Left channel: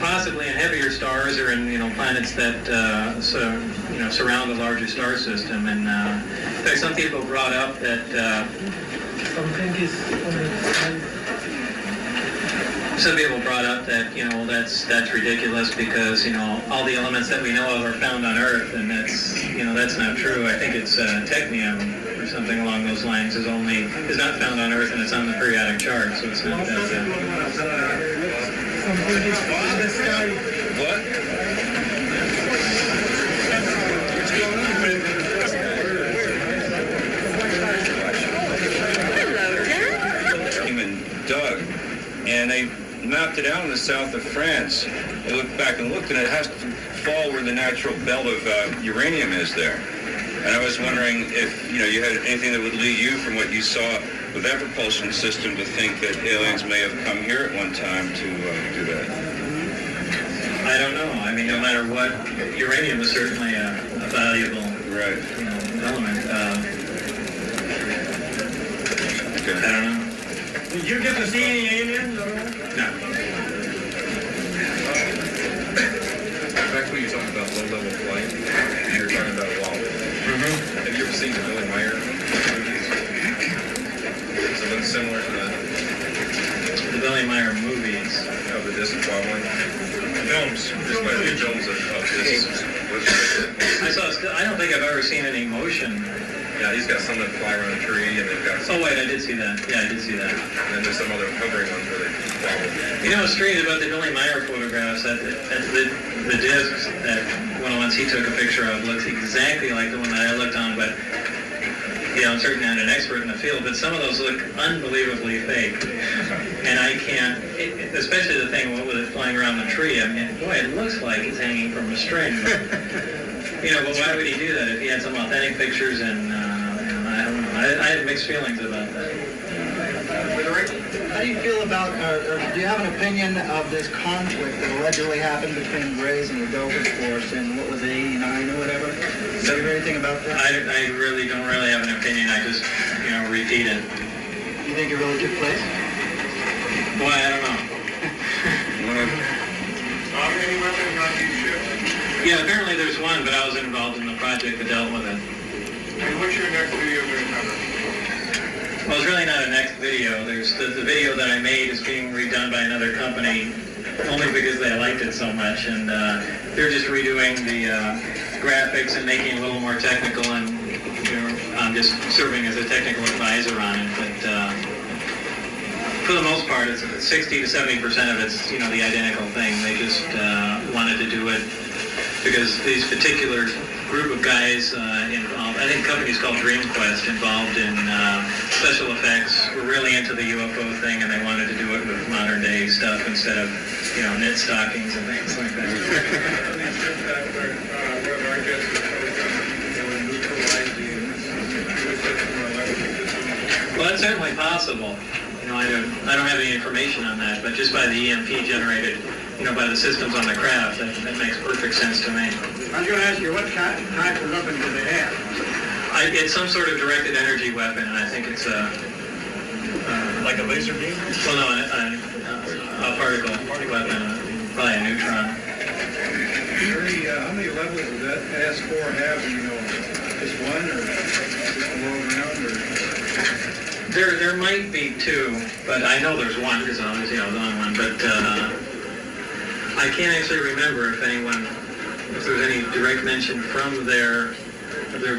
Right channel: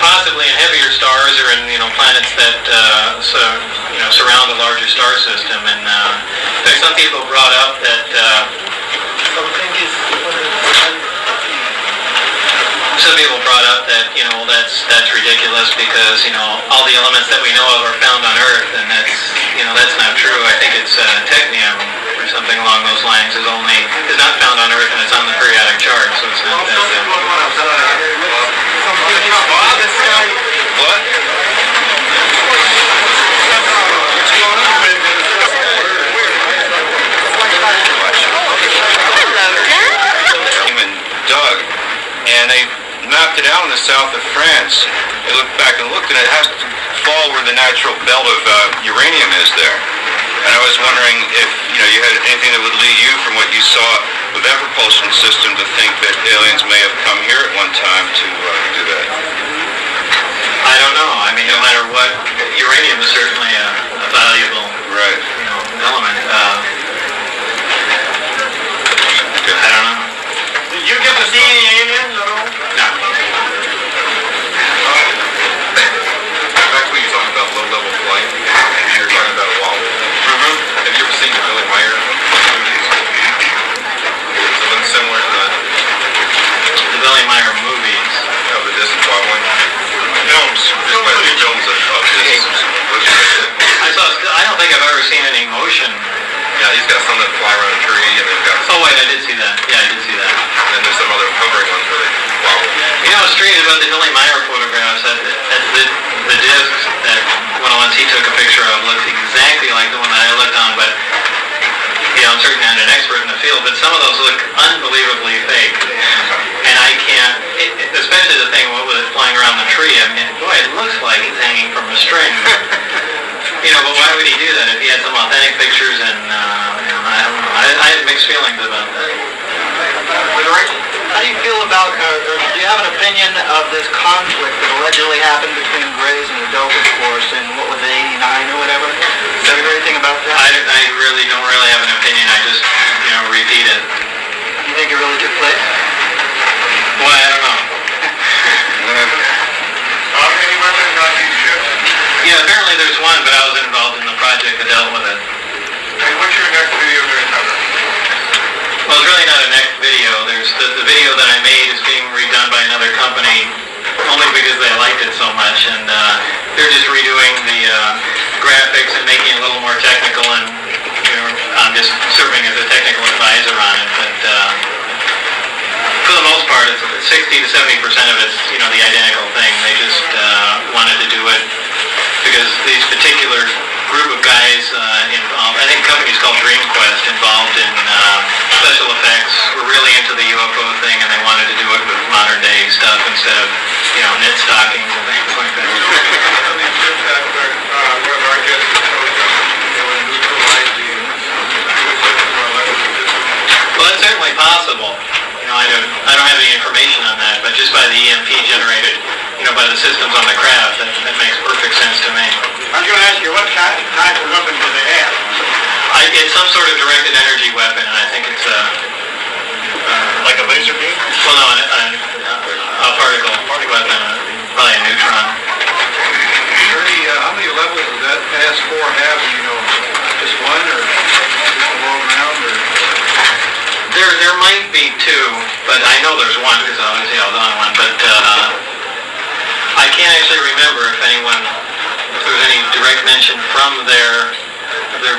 possibly in heavier stars or in planets that surround a larger star system. And in fact, some people brought up that that's ridiculous because all the elements that we know of are found on Earth, and that's not true. I think it's technium or something along those lines is not found on Earth, and it's on the periodic chart, so it's not that. What? Doug, and they mapped it out in the south of France. They looked back and looked, and it has to fall where the natural belt of uranium is there. And I was wondering if you had anything that would lead you from what you saw with that propulsion system to think that aliens may have come here at one time to do that. I don't know. I mean, no matter what, uranium is certainly a valuable element. I don't know. Did you get to see any aliens at all? No. Back when you talking about low-level flight, you're talking about a wobble. Have you ever seen the Billy Meyer movies? Something similar to that. The Billy Meyer movies. Of the disc wobbling. Films. Just quite a few films of this. I don't think I've ever seen any motion. Yeah, he's got some that fly around a tree, and they've got some. Oh wait, I did see that. Yeah, I did see that. And then there's some other hovering ones where they wobble. What's strange about the Billy Meyer photographs, that the discs that one of the ones he took a picture of looks exactly like the one that I looked on, but I'm certainly not an expert in the field, but some of those look unbelievably fake. And I can't, especially the thing with it flying around the tree, I mean, boy, it looks like it's hanging from a string. But why would he do that if he had some authentic pictures? And I don't know. I have mixed feelings about that. How do you feel about, or do you have an opinion of this conflict that allegedly happened between Grays and the Doping Force in, what was it, 89 or whatever? Have you heard anything about that? I really don't have an opinion. I just, repeat it. You think it really took place? Well, I don't know. How many weapons on these ships? Yeah, apparently there's one, but I wasn't involved in the project that dealt with it. And what's your next video going to cover? Well, it's really not a next video. There's the video that I made is being redone by another company only because they liked it so much, and they're just redoing the graphics and making it a little more technical, and I'm just serving as a technical advisor on it. But for the most part, it's 60 to 70% of it's the identical thing. They just wanted to do it because these particular group of guys involved, I think the company's called DreamQuest, involved in special effects, were really into the UFO thing, and they wanted to do it with modern day stuff instead of knit stockings and things like that. Well, that's certainly possible. I don't have any information on that, but just by the EMP generated, by the systems on the craft, that makes perfect sense to me. I was going to ask you, what type of weapon do they have? It's some sort of directed energy weapon, and I think it's like a laser beam? Well, no, a particle weapon, probably a neutron. How many levels does that AS4 have? Just one, or just all around, or? There might be two, but I know there's one because obviously I was on one. But I can't actually remember if there's any direct mention from there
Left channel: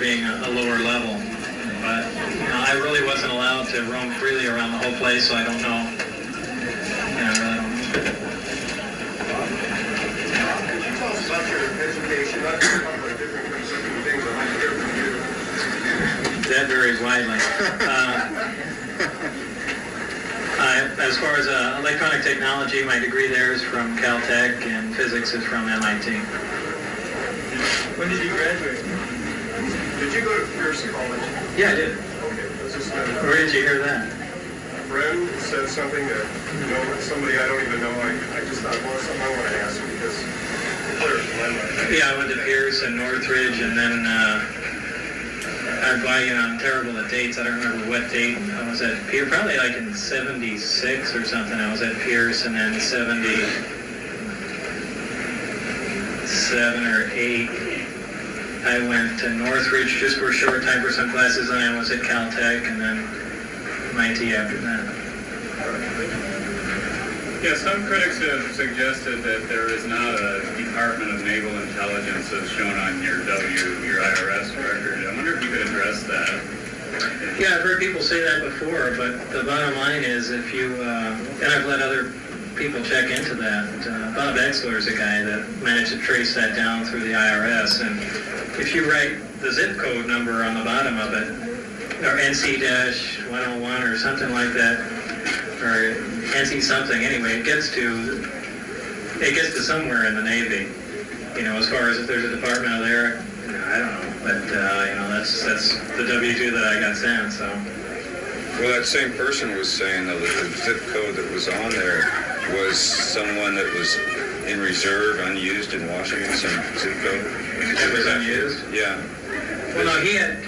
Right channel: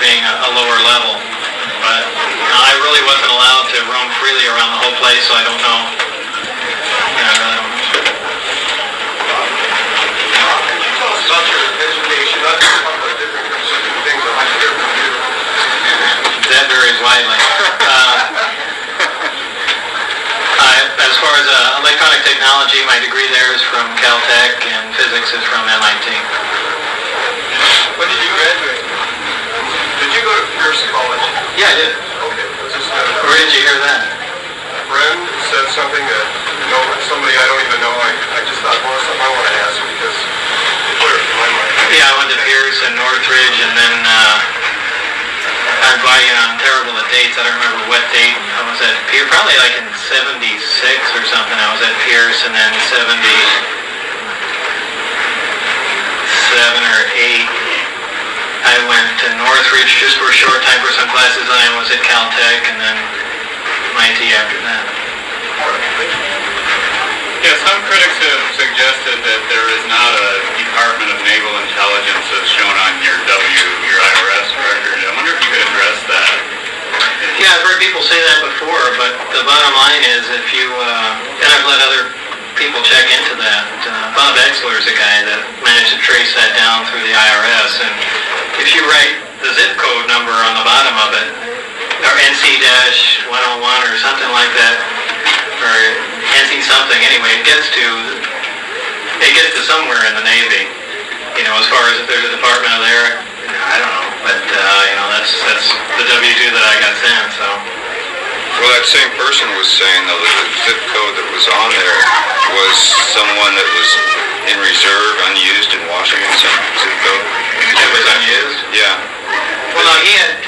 being a lower level. But I really wasn't allowed to roam freely around the whole place, so I don't know. I really don't know. Tell us about your education. Not just talk about different things on my computer. That varies widely. As far as electronic technology, my degree there is from Caltech, and physics is from MIT. When did you graduate? Did you go to Pierce College? Yeah, I did. Okay. Where did you hear that? A friend said something that, somebody I don't even know. I just thought, well, something I want to ask because it's clear in my mind. Yeah, I went to Pierce and Northridge, and then I'm terrible at dates. I don't remember what date I was at Pierce. Probably like in 76 or something. I was at Pierce, and then 79 or 8. I went to Northridge just for a short time for some classes, and I was at Caltech, and then MIT after that. Yeah, some critics have suggested that there is not a Department of Naval Intelligence as shown on your IRS record. I wonder if you could address that. Yeah, I've heard people say that before, but the bottom line is if you, and I've let other people check into that. Bob Exler is a guy that managed to trace that down through the IRS, and if you write the zip code number on the bottom of it, or NC-101 or something like that, or NC something, anyway, it gets to somewhere in the Navy. You know, as far as if there's a department there, I don't know, but that's the W-2 that I got sent. So. Well, that same person was saying though that the zip code that was on there was someone that was in reserve, unused in Washington. Some zip code. It was unused. Yeah. Well, no, he had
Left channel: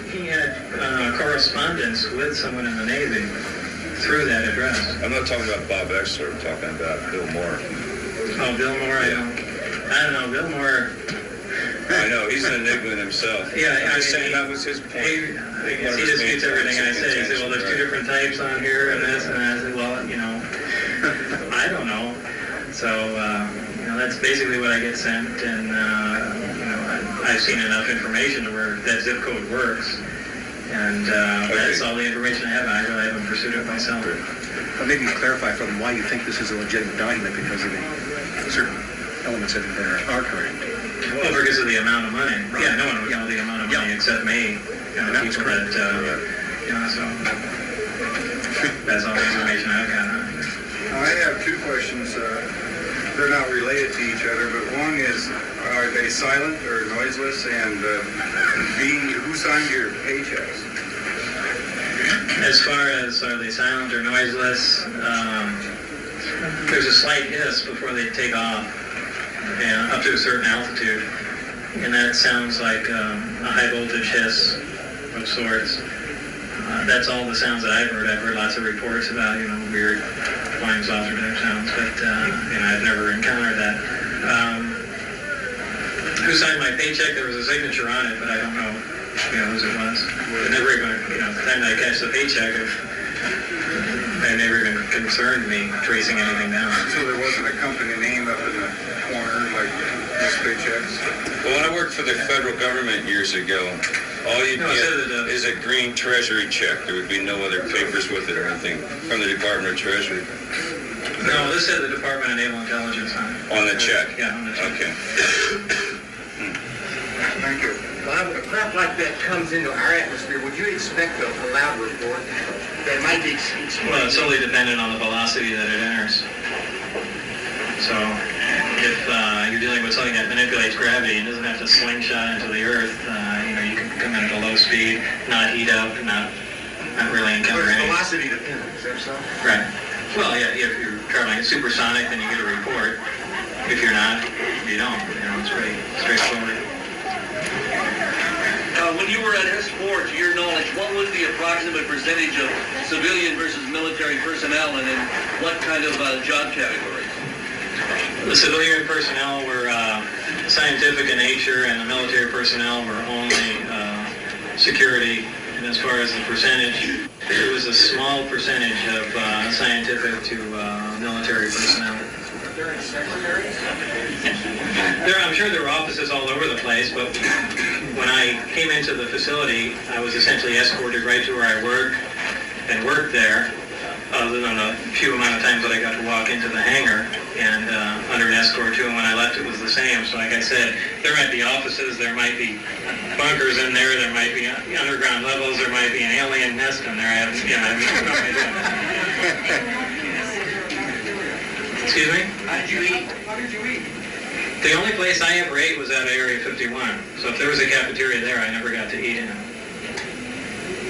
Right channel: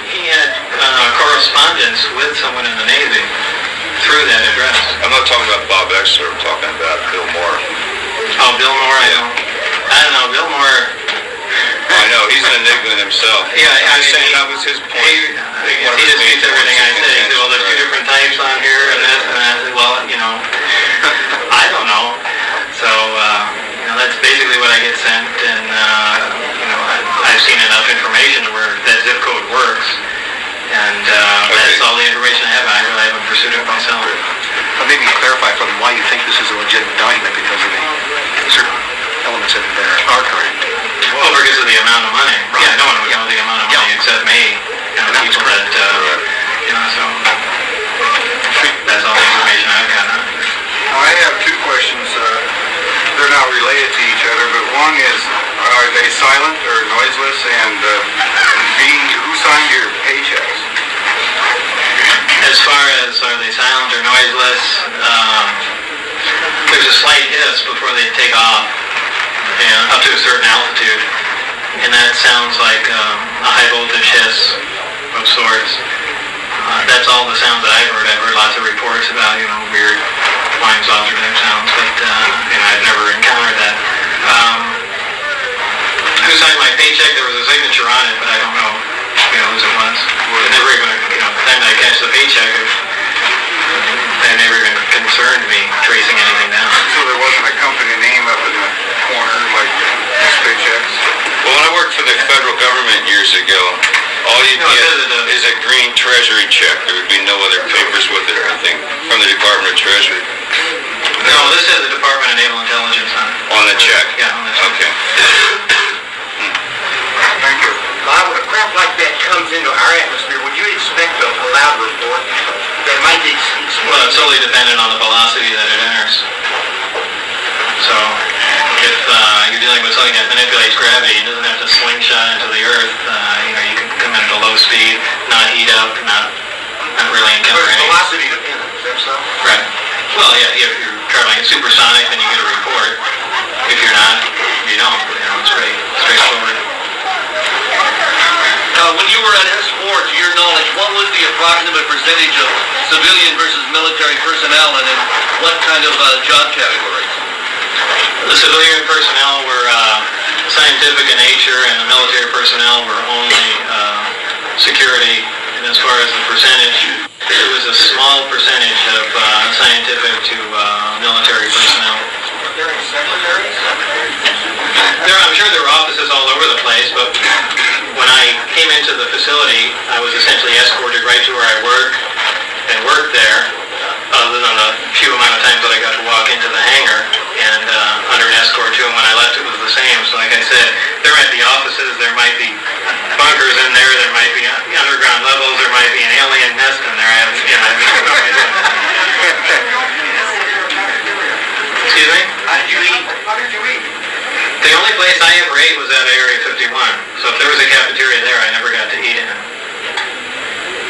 correspondence with someone in the Navy through that address. I'm not talking about Bob Exler. I'm talking about Bill Moore. Oh, Bill Moore. I don't know. Bill Moore. I know, he's an enigma himself. Yeah, I'm just saying that was his point. He disputes everything I say. He said, well, there's 2 different types on here, and this, and that. I said, well, I don't know. So, that's basically what I get sent, and, I've seen enough information where that zip code works, and that's all the information I have, and I really haven't pursued it myself. Maybe clarify for them why you think this is a legitimate document, because of the certain elements in there are correct. Well, because of the amount of money. Right. Yeah, no one would know the amount of money except me. People that, so that's all the information I've got on it. I have 2 questions. They're not related to each other, but one is, are they silent or noiseless? And who signed your paychecks? As far as are they silent or noiseless, there's a slight hiss before they take off, and up to a certain altitude, and that sounds like a high voltage hiss of sorts. That's all the sounds that I've heard. I've heard lots of reports about weird flying saucer type sounds, but I've never encountered that. Who signed my paycheck? There was a signature on it, but I don't know whose it was. It never even, the time that I catch the paycheck, it never even concerned me tracing anything down. So there wasn't a company name up in the corner like this paychecks? Well, when I worked for the federal government years ago, all you get is a green treasury check. There would be no other papers with it or anything from the Department of Treasury. No, this says the Department of Naval Intelligence on it. On the check? Yeah, on the check. Okay. Thank you. Bob, when a craft like that comes into our atmosphere, would you expect a loud report that might be explained? Well, it's solely dependent on the velocity that it enters. So, if you're dealing with something that manipulates gravity, it doesn't have to slingshot into the earth. You can come in at a low speed, not heat up, not really encounter But it's any. velocity dependent, is that so? Right. Well, yeah, if you're traveling at supersonic, then you get a report. If you're not, you don't. It's straightforward. When you were at S4, to your knowledge, what was the approximate percentage of civilian versus military personnel, and in what kind of job categories? The civilian personnel were scientific in nature, and the military personnel were only security. And as far as the percentage, it was a small percentage of scientific to military personnel. Are there any secretaries? I'm sure there were offices all over the place, but when I came into the facility, I was essentially escorted right to where I work and worked there, other than the few amount of times that I got to walk into the hangar and under an escort too, and when I left it was the same. So like I said, there might be offices, there might be bunkers in there, there might be underground levels, there might be an alien nest in there. I have no idea. Excuse me? How did you eat? The only place I ever ate was at Area 51. So if there was a cafeteria there, I never got to eat in it.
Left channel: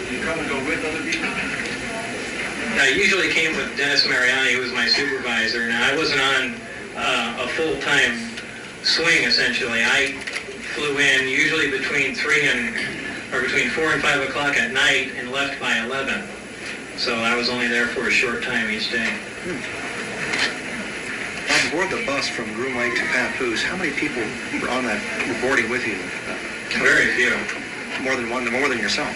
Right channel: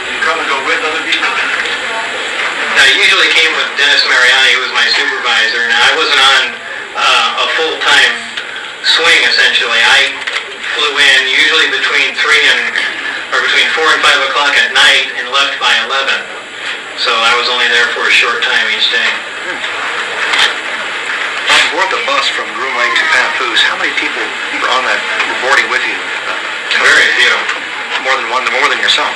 You come and go with other people? I usually came with Dennis Mariani, who was my supervisor. Now, I wasn't on a full-time swing, essentially. I flew in usually between 4 and 5 o'clock at night and left by 11. So I was only there for a short time each day. aboard the bus from Groom Lake to Papoose, how many people were on that, were boarding with you? Very few. More than yourself.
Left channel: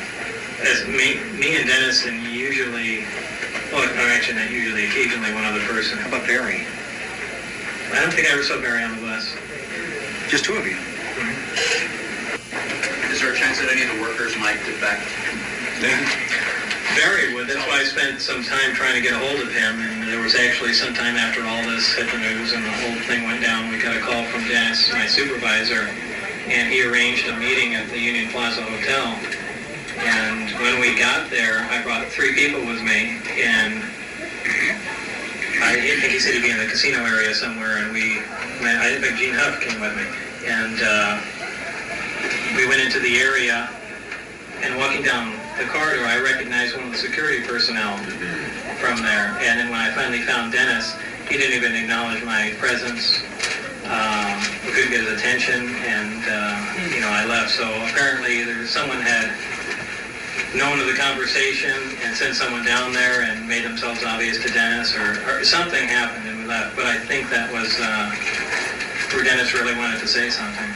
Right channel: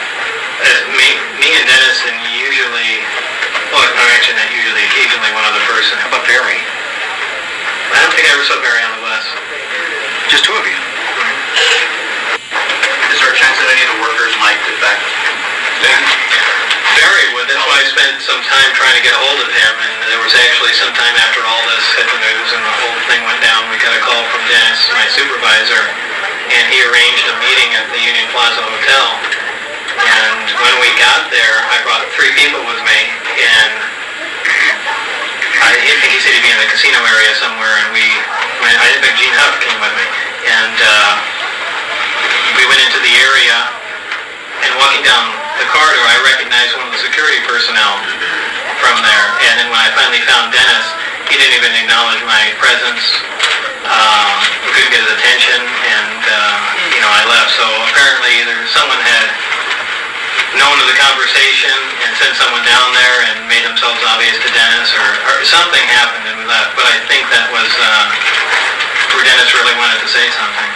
Me and Dennis, and usually, well, actually not usually, occasionally one other person. How about Barry? I don't think I ever saw Barry on the bus. Just two of you. Is there a chance that any of the workers might defect? Barry would. That's why I spent some time trying to get a hold of him, and there was actually some time after all this hit the news and the whole thing went down, we got a call from Dennis, my supervisor, and he arranged a meeting at the Union Plaza Hotel. And when we got there, I brought 3 people with me, and I think he said he'd be in the casino area somewhere, and I think Gene Huff came with me, and we went into the area, and walking down the corridor, I recognized one of the security personnel from there, and then when I finally found Dennis, he didn't even acknowledge my presence. We couldn't get his attention, and I left. So apparently either someone had known of the conversation and sent someone down there and made themselves obvious to Dennis, or something happened and we left. But I think that was where Dennis really wanted to say something.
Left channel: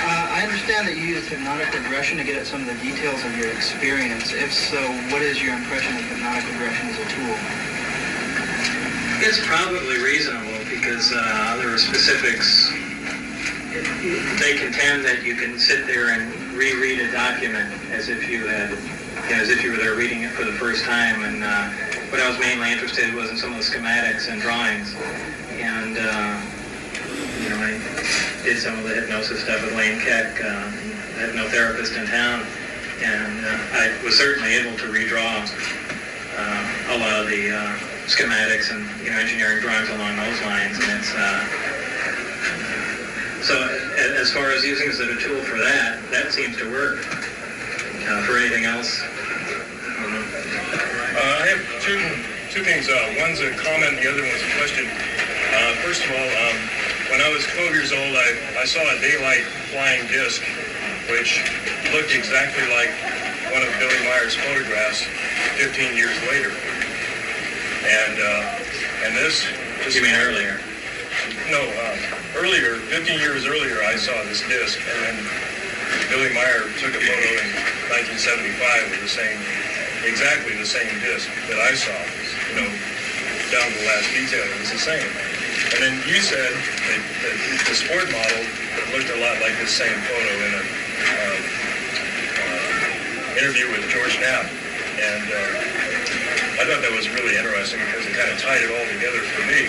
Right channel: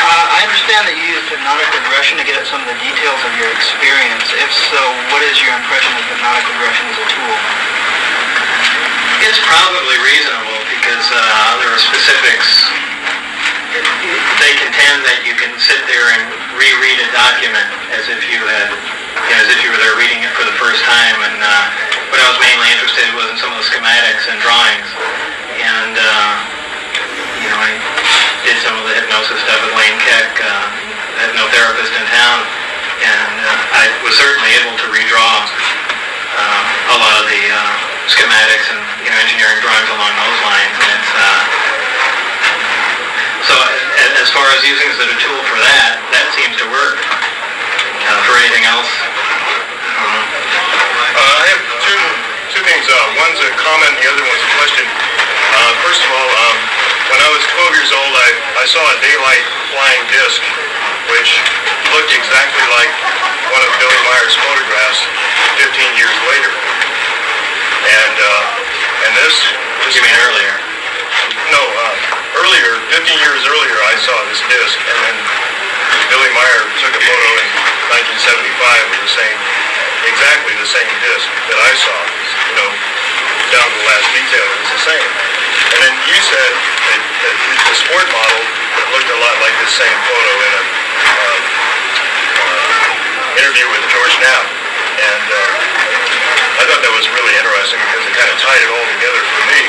I understand that you used hypnotic regression to get at some of the details of your experience. If so, what is your impression of hypnotic regression as a tool? It's probably reasonable because there are specifics. They contend that you can sit there and reread a document as if you were there reading it for the first time. And what I was mainly interested in was in some of the schematics and drawings. And I did some of the hypnosis stuff with Wayne Keck, the hypnotherapist in town, and I was certainly able to redraw a lot of the schematics and engineering drawings along those lines. And it's so as far as using it as a tool for that seems to work. For anything else, I have two things. One's a comment, and the other one's a question. First of all, when I was 12 years old, I saw a daylight flying disc, which looked exactly like one of Billy Meyer's photographs 15 years later. And this... you mean earlier? No, earlier, 15 years earlier, I saw this disc, and then Billy Meyer took a photo in 1975 of exactly the same disc that I saw, down to the last detail. It was the same. And then you said that the sport model looked a lot like this same photo in an interview with George Knapp. And I thought that was really interesting because it kind of tied it all together for me.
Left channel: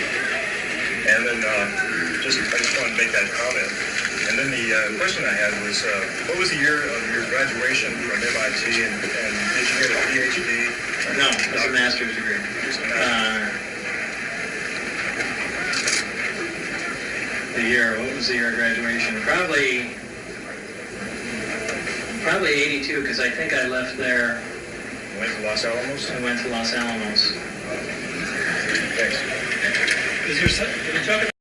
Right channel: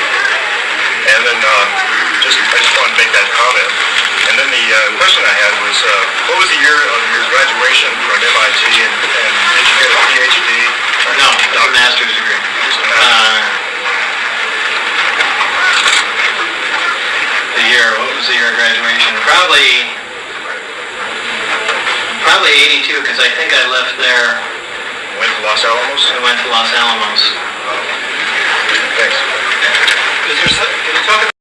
And then I just wanted to make that comment. And then the question I had was, what was the year of your graduation from MIT, and did you get a PhD? No, it's a master's degree. What was the year of graduation? Probably 82, because I think I left there. Went to Los Alamos? I went to Los Alamos. Thanks. Can you talk about